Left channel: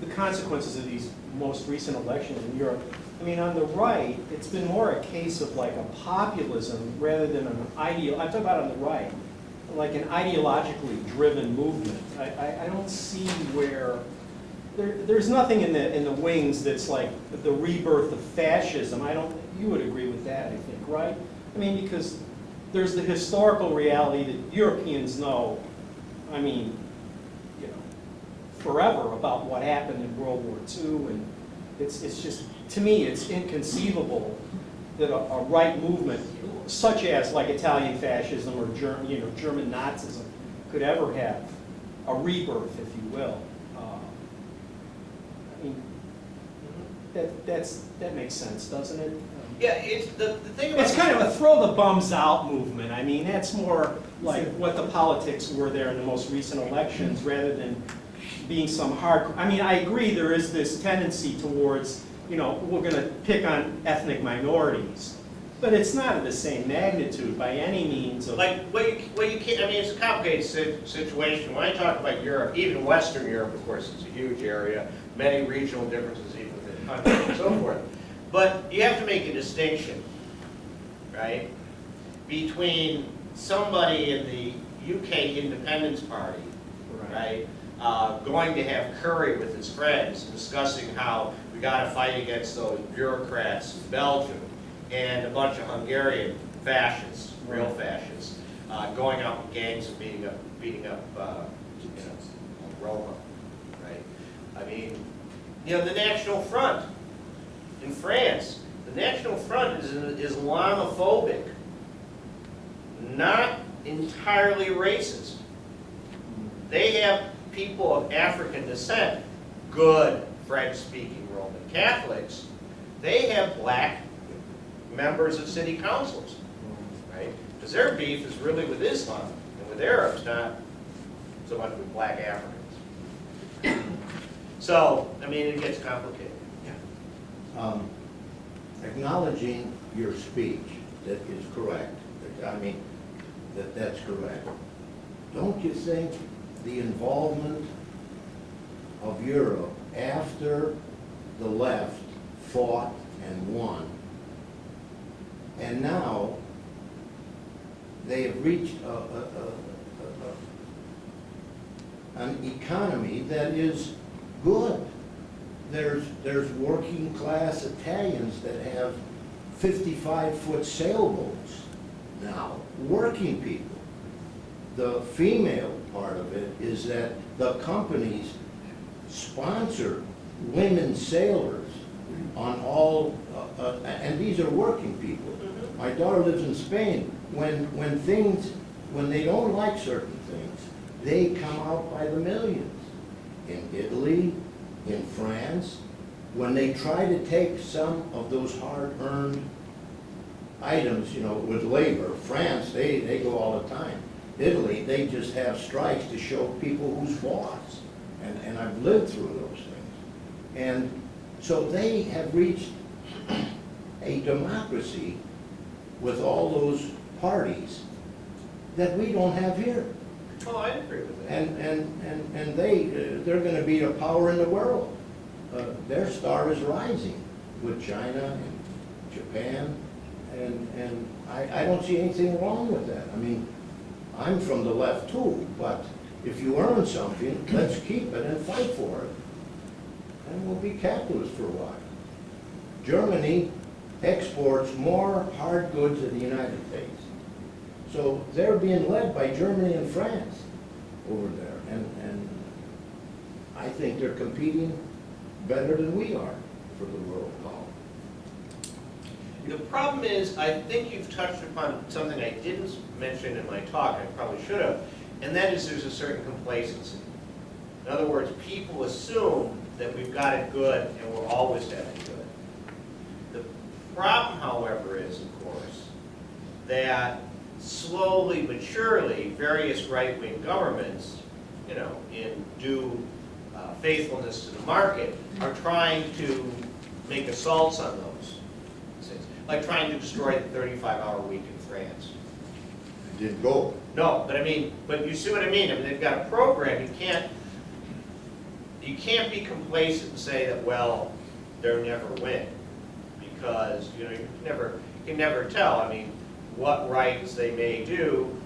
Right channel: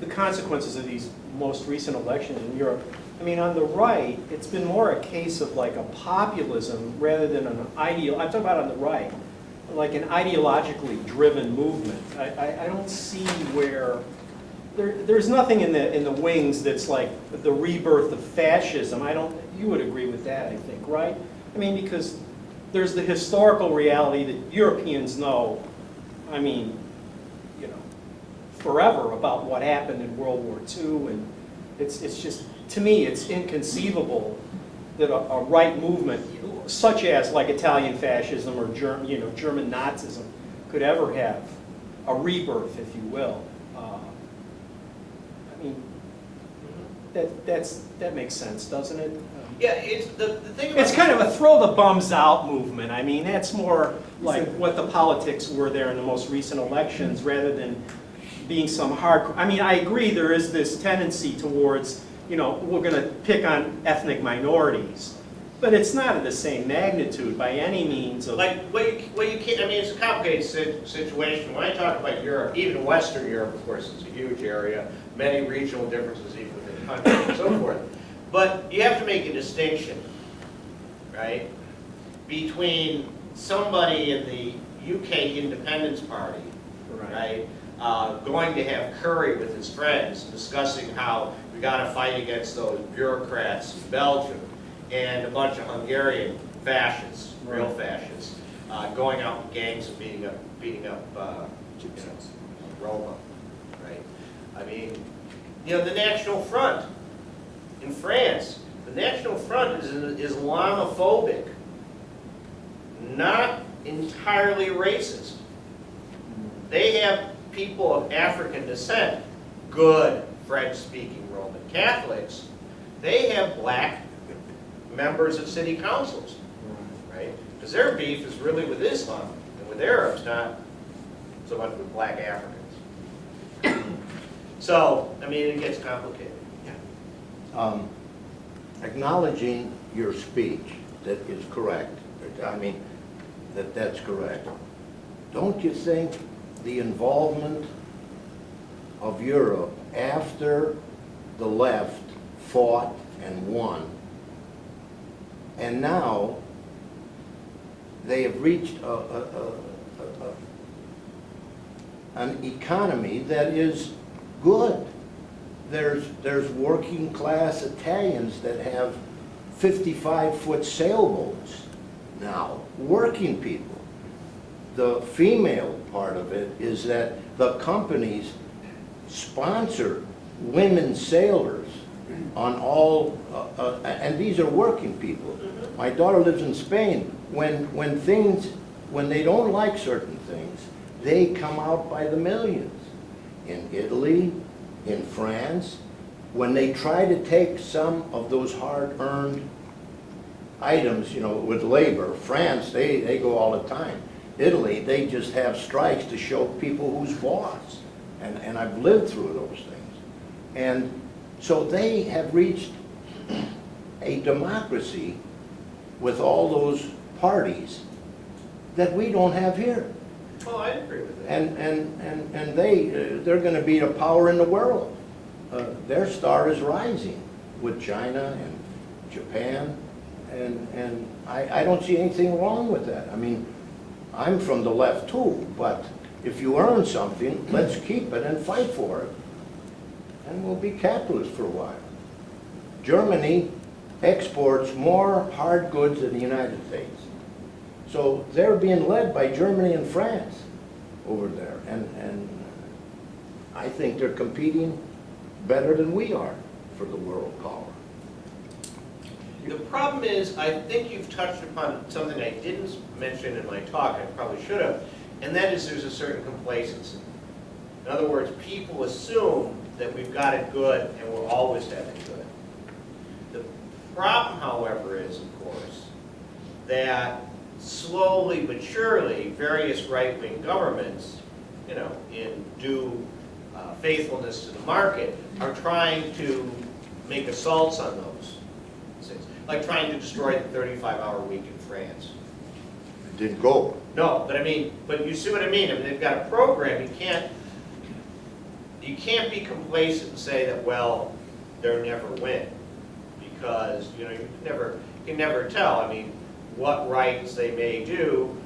the consequences of these most recent elections in Europe. I mean, on the right, it's been more a case of like a populism rather than an I'm talking about on the right, like an ideologically driven movement. I don't see where, there's nothing in the wings that's like the rebirth of fascism. You would agree with that, I think, right? I mean, because there's the historical reality that Europeans know, I mean, you know, forever about what happened in World War II, and it's just, to me, it's inconceivable that a right movement, such as like Italian fascism or German Nazism, could ever have a rebirth, if you will. I mean, that makes sense, doesn't it? Yeah, it's the thing about it's kind of a throw the bums out movement. I mean, that's more like what the politics were there in the most recent elections, rather than being some hardcore. I mean, I agree there is this tendency towards, you know, we're going to pick on ethnic minorities, but it's not of the same magnitude by any means. Of, like what you can't. I mean, it's a complicated situation. When I talk about Europe, even Western Europe, of course, it's a huge area, many regional differences even within the country and so forth. But you have to make a distinction, right, between somebody in the UK Independence Party, right, going to have curry with his friends, discussing how we got to fight against those bureaucrats in Belgium, and a bunch of Hungarian fascists, real fascists, going out with gangs and beating up Roma, right? I mean, you know, the National Front in France, the National Front is Islamophobic, not entirely racist. They have people of African descent, good French-speaking Roman Catholics. They have black members of city councils, right? Because their beef is really with Islam and with Arabs, not so much with black Africans. So, I mean, it gets complicated. Acknowledging your speech, that is correct. I mean, that's correct. Don't you think the involvement of Europe after the left fought and won, and now they have reached an economy that is good? There's working class Italians that have 55-foot sailboats now, working people. The female part of it is that the companies sponsor women sailors on all, and these are working people. My daughter lives in Spain. When they don't like certain things, they come out by the millions. In Italy, in France, when they try to take some of those hard-earned items, you know, with labor, France, they go all the time. Italy, they just have strikes to show people who's boss. And I've lived through those things. And so they have reached a democracy with all those parties that we don't have here. Oh, I agree with that. And they're going to be a power in the world. Their star is rising with China and Japan, and I don't see anything wrong with that. I mean, I'm from the left too, but if you earn something, let's keep it and fight for it, and we'll be capitalists for a while. Germany exports more hard goods than the United States. So they're being led by Germany and France over there, and I think they're competing better than we are for the world power. The problem is, I think you've touched upon something I didn't mention in my talk, I probably should have, and that is there's a certain complacency. In other words, people assume that we've got it good and we'll always have it good. The problem, however, is, of course, that slowly but surely various right-wing governments, you know, in due faithfulness to the market, are trying to make assaults on those things, like trying to destroy the 35-hour week in France. It didn't go. No, but I mean, but you see what I mean? I mean, they've got a program. You can't. you can't be complacent and say that, well, they'll never win, because you can never tell. I mean, what rights they may do,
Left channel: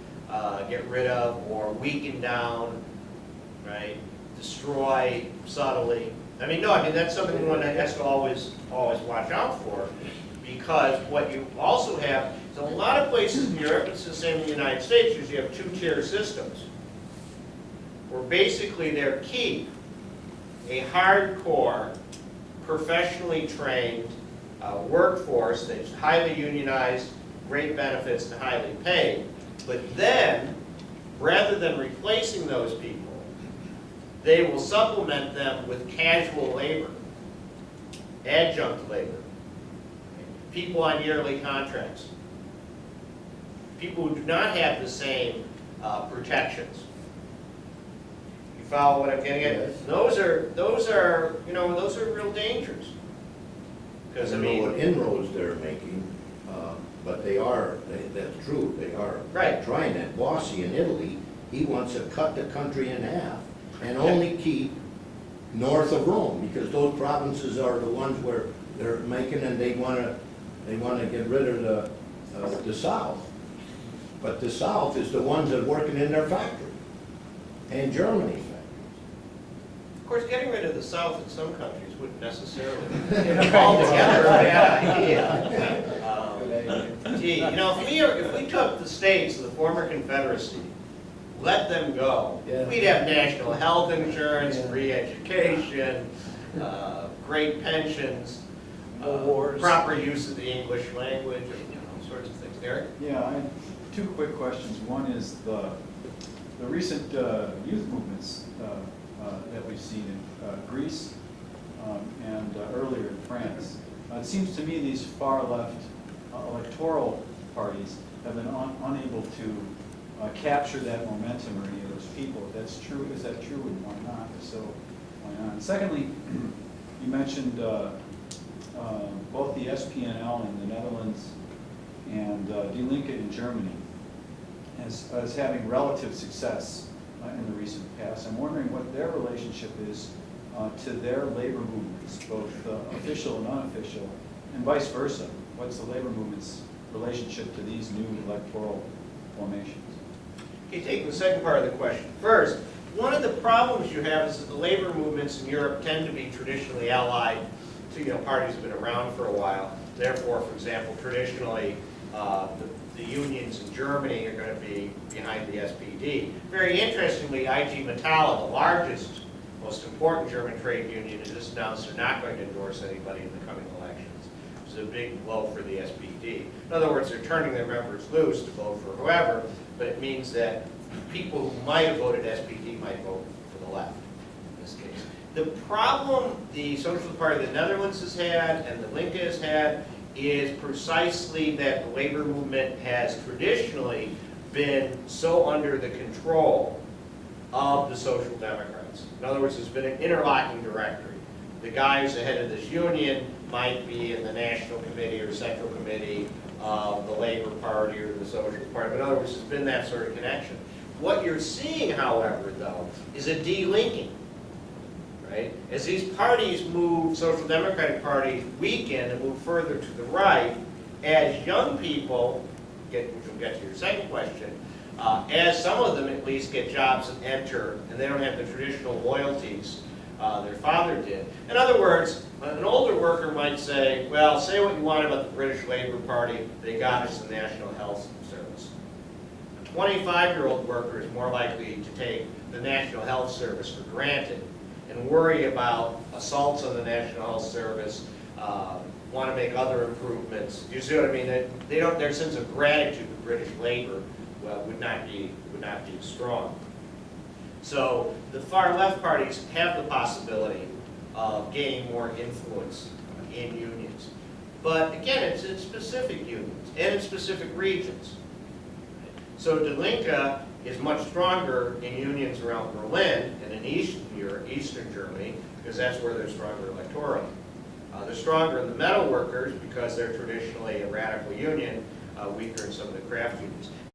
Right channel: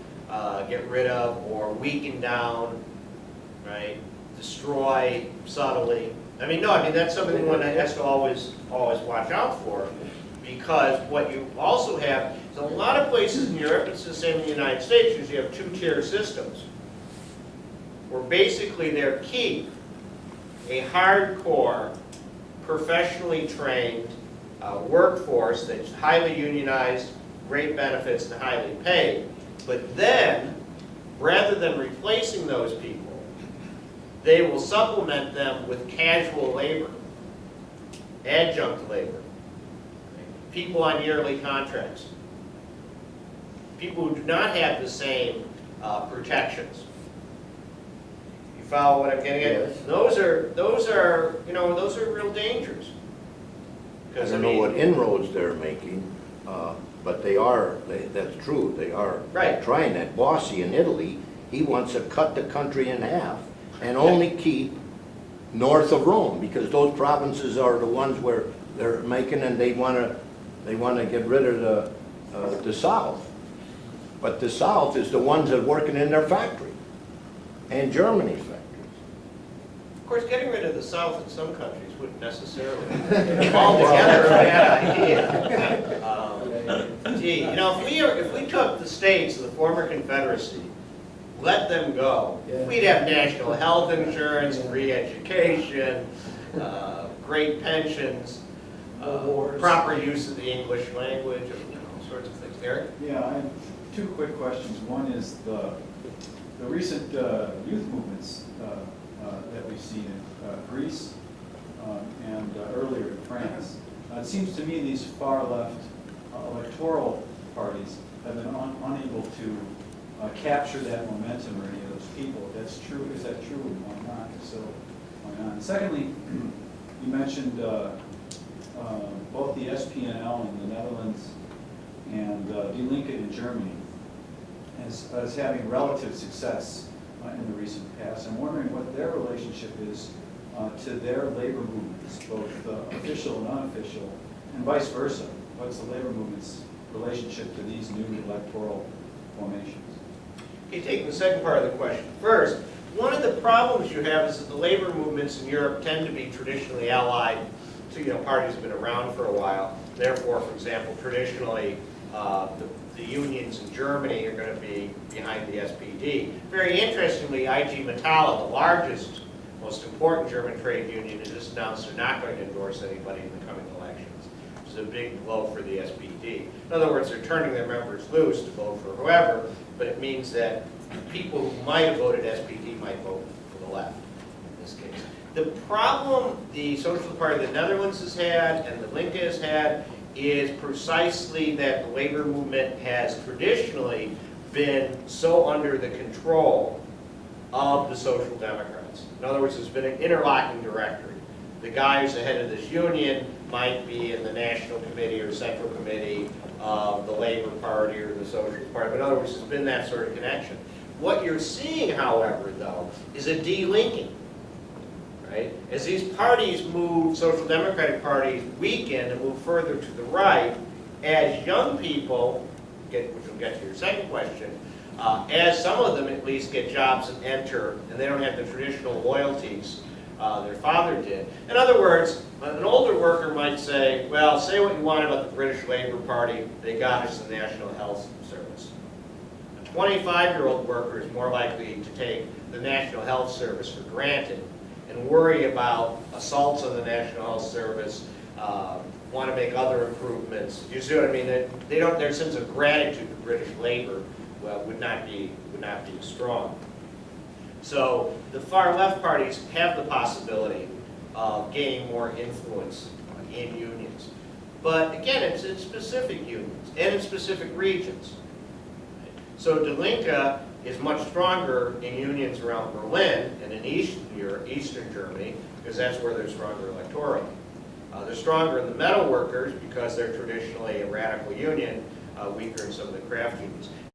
get rid of, or weaken down, right? Destroy subtly. I mean, that's something one has to always watch out for, because what you also have is a lot of places in Europe, it's the same in the United States, is you have two-tier systems, where basically they're keep a hardcore, professionally trained workforce that's highly unionized, great benefits, and highly paid. But then, rather than replacing those people, they will supplement them with casual labor, adjunct labor, people on yearly contracts, people who do not have the same protections. You follow what I'm getting at? Yes. Those are real dangers. I Because don't know what inroads they're making, but that's true, they are Right. trying that. Bossi in Italy, he wants to cut the country in half and only keep north of Rome, because those provinces are the ones where they're making, and they want to get rid of the south. But the south is the ones that are working in their factory, and Germany's factories. Of course, getting rid of the South in some countries wouldn't necessarily be altogether a bad idea. Gee, if we took the states of the former Confederacy, let them go, we'd have national health insurance, free education, great pensions, proper use of the English language, and all sorts of things. Eric? Yeah, I have two quick questions. One is the recent youth movements that we've seen in Greece and earlier in France. It seems to me these far-left electoral parties have been unable to capture that momentum or any of those people. If that's true, is that true, and why not? If so, why not? And secondly, you mentioned both the SPNL in the Netherlands and Die Linke in Germany as having relative success in the recent past. I'm wondering what their relationship is to their labor movements, both official and unofficial, and vice versa. What's the labor movement's relationship to these new electoral formations? Okay, taking the second part of the question. First, one of the problems you have is that the labor movements in Europe tend to be traditionally allied to parties that have been around for a while. Therefore, for example, traditionally, the unions in Germany are going to be behind the SPD. Very interestingly, IG Metall, the largest, most important German trade union, has just announced they're not going to endorse anybody in the coming elections. It's a big blow for the SPD. In other words, they're turning their members loose to vote for whoever, but it means that people who might have voted SPD might vote for the left in this case. The problem the Socialist Party of the Netherlands has had and the Linke has had is precisely that the labor movement has traditionally been so under the control of the Social Democrats. In other words, there's been an interlocking directory. The guy who's the head of this union might be in the National Committee or Central Committee of the Labor Party or the Socialist Party. But in other words, there's been that sort of connection. What you're seeing, however, though, is a de-linking. Right? As these parties move, Social Democratic parties weaken and move further to the right, as young people, which we'll get to your second question, as some of them at least get jobs and enter, and they don't have the traditional loyalties their father did. In other words, an older worker might say, well, say what you want about the British Labour Party, they got us the National Health Service. A 25-year-old worker is more likely to take the National Health Service for granted and worry about assaults on the National Health Service, want to make other improvements. Do you see what I mean? They don't. Their sense of gratitude to British labor would not be as strong. So the far left parties have the possibility of gaining more influence in unions, but again, it's in specific unions and in specific regions. So Die Linke is much stronger in unions around Berlin and in Eastern Germany, because that's where they're stronger electorally. They're stronger in the metal workers because they're traditionally a radical union, weaker in some of the craft unions.